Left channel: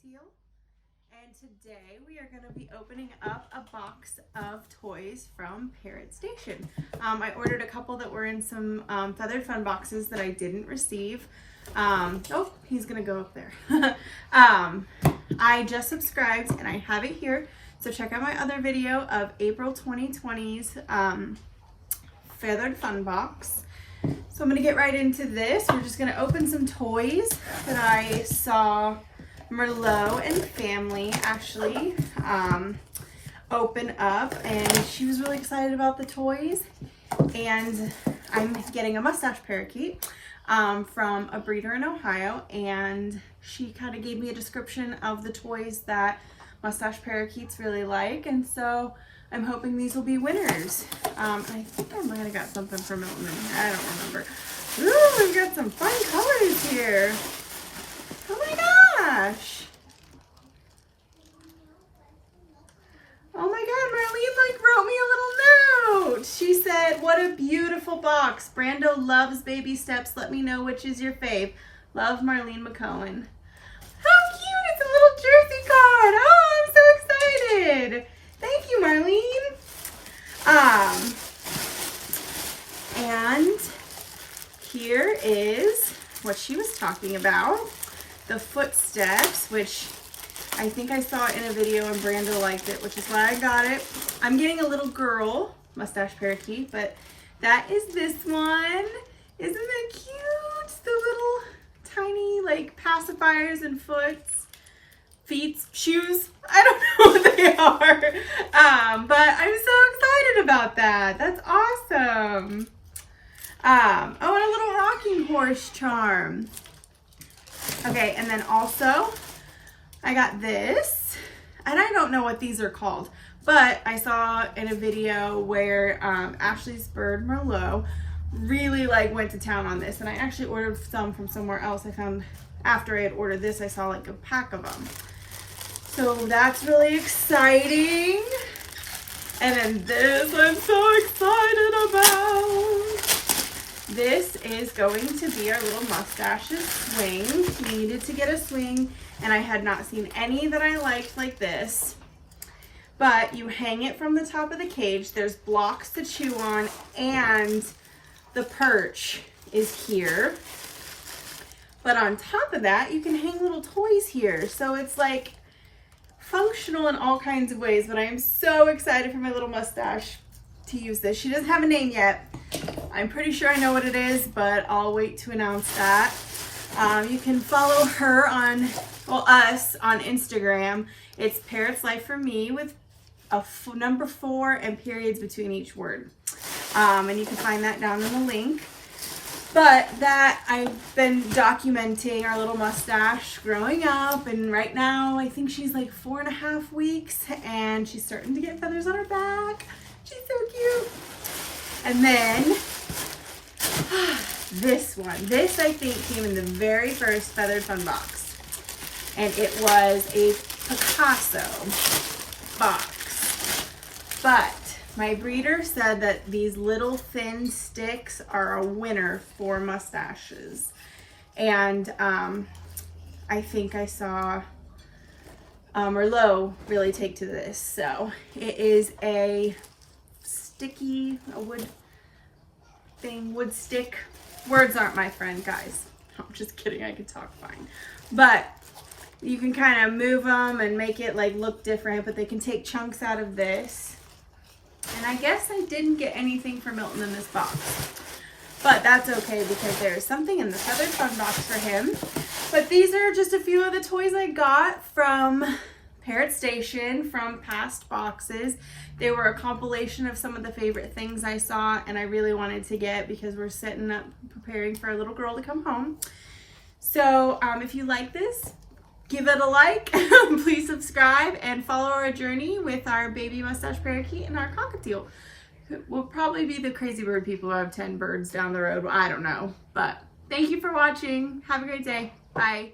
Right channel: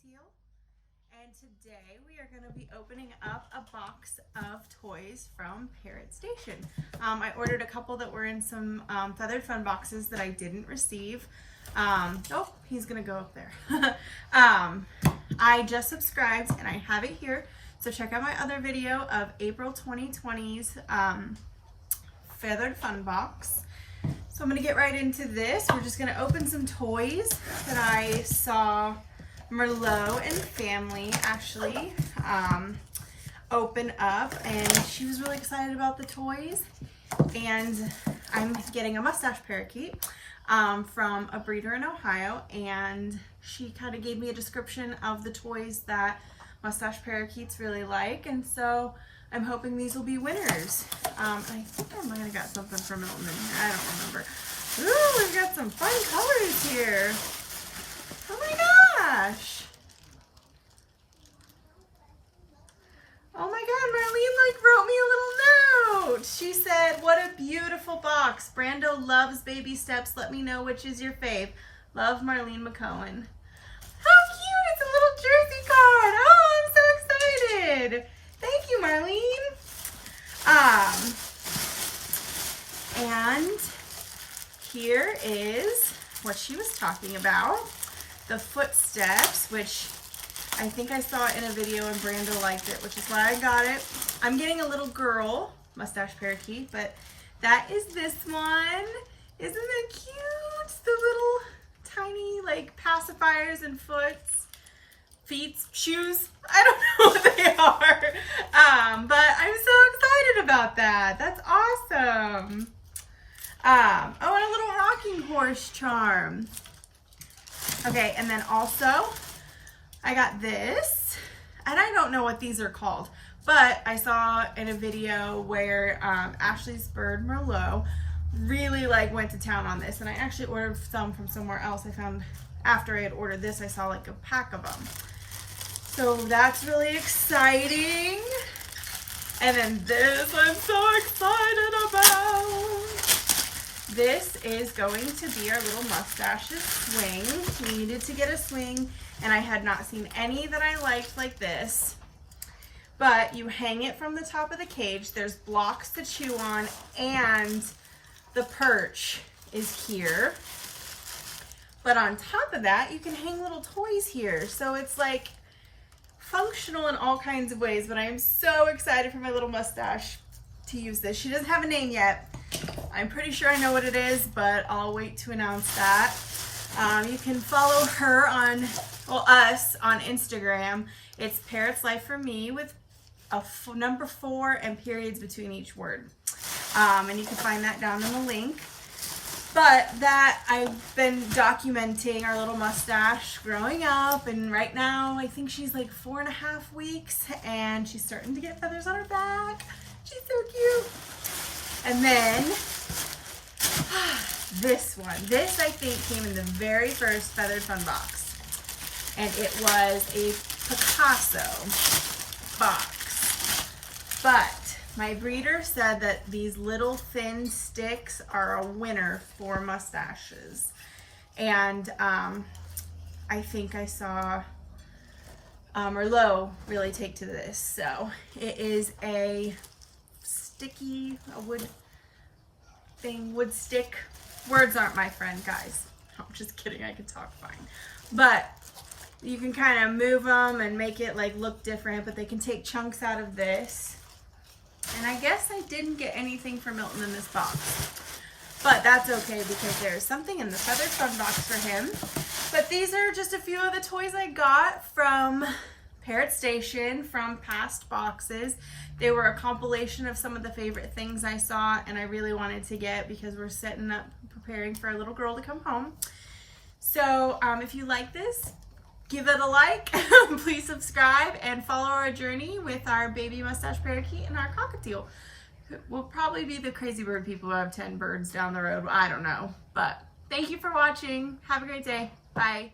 Cockatiel, and today we are going to be opening up a box of toys from Parrot Station. I ordered a couple that were in some feathered fun boxes that I didn't receive. Oh, he's going to go up there. I just subscribed and I have it here, so check out my other video of April 2020's feathered fun box. So I'm gonna get right into this. We're just gonna open some toys that I saw Merlot and family actually open up, and she was really excited about the toys. And I'm getting a mustache parakeet from a breeder in Ohio, and she kind of gave me a description of the toys that mustache parakeets really like, and so I'm hoping these will be winners. I think I might have got something from Milton. I don't remember. Ooh, we've got some fun colors here. Oh my gosh. Oh my God, Marlene wrote me a little note. She said, what a beautiful box. Brando loves baby steps. Let me know which is your fave. Love, Marlene McCohen. How cute, it's a little jersey card. Oh, I'm so excited. Thank you, Marlene. And here is what she was talking about, the footsteps, which I think I saw in a video and Brando liked it, which is why I got it. I'm getting a little girl mustache parakeet, but that is this one. Isn't that cute? The little tiny like pacifiers and feet, shoes. I don't know what they are, but I'm so excited about that. That's awesome. Oh, and a little rocking horse charm. Okay, and then also I got this, and I don't know what these are called, but I saw in a video where Ashley's bird Merlot really went to town on this, and I actually ordered some from somewhere else. I found after I had ordered this, I saw like a pack of them. So that's really exciting. And then this I'm so excited about. This is going to be our little mustaches swing. We needed to get a swing, and I had not seen any that I liked like this. But you hang it from the top of the cage. There's blocks to chew on, and the perch is here. But on top of that, you can hang little toys here. So it's like functional in all kinds of ways, but I am so excited for my little mustache to use this. She doesn't have a name yet. I'm pretty sure I know what it is, but I'll wait to announce that. You can follow her on, well, us on Instagram. It's Parrots Life for Me with a number 4 and periods between each word. And you can find that down in the link. But that I've been documenting our little mustache growing up, and right now I think she's like 4.5 weeks, and she's starting to get feathers on her back. She's so cute. And then this one. This I think came in the very first feathered fun box, and it was a Picasso box. But my breeder said that these little thin sticks are a winner for mustaches. And I think I saw Merlot really take to this. So it is a sticky, wood stick. Words aren't my friend, guys. I'm just kidding, I can talk fine. But you can kind of move them and make it look different, but they can take chunks out of this. And I guess I didn't get anything for Milton in this box, but that's okay because there's something in the feathered fun box for him. But these are just a few of the toys I got from Parrot Station from past boxes. They were a compilation of some of the favorite things I saw and I really wanted to get because we're setting up, preparing for a little girl to come home. So if you like this, give it a like, please subscribe, and follow our journey with our baby mustache parakeet and our cockatiel. We'll probably be the crazy bird people who have 10 birds down the road. I don't know, but thank you for watching. Have a great day. Bye.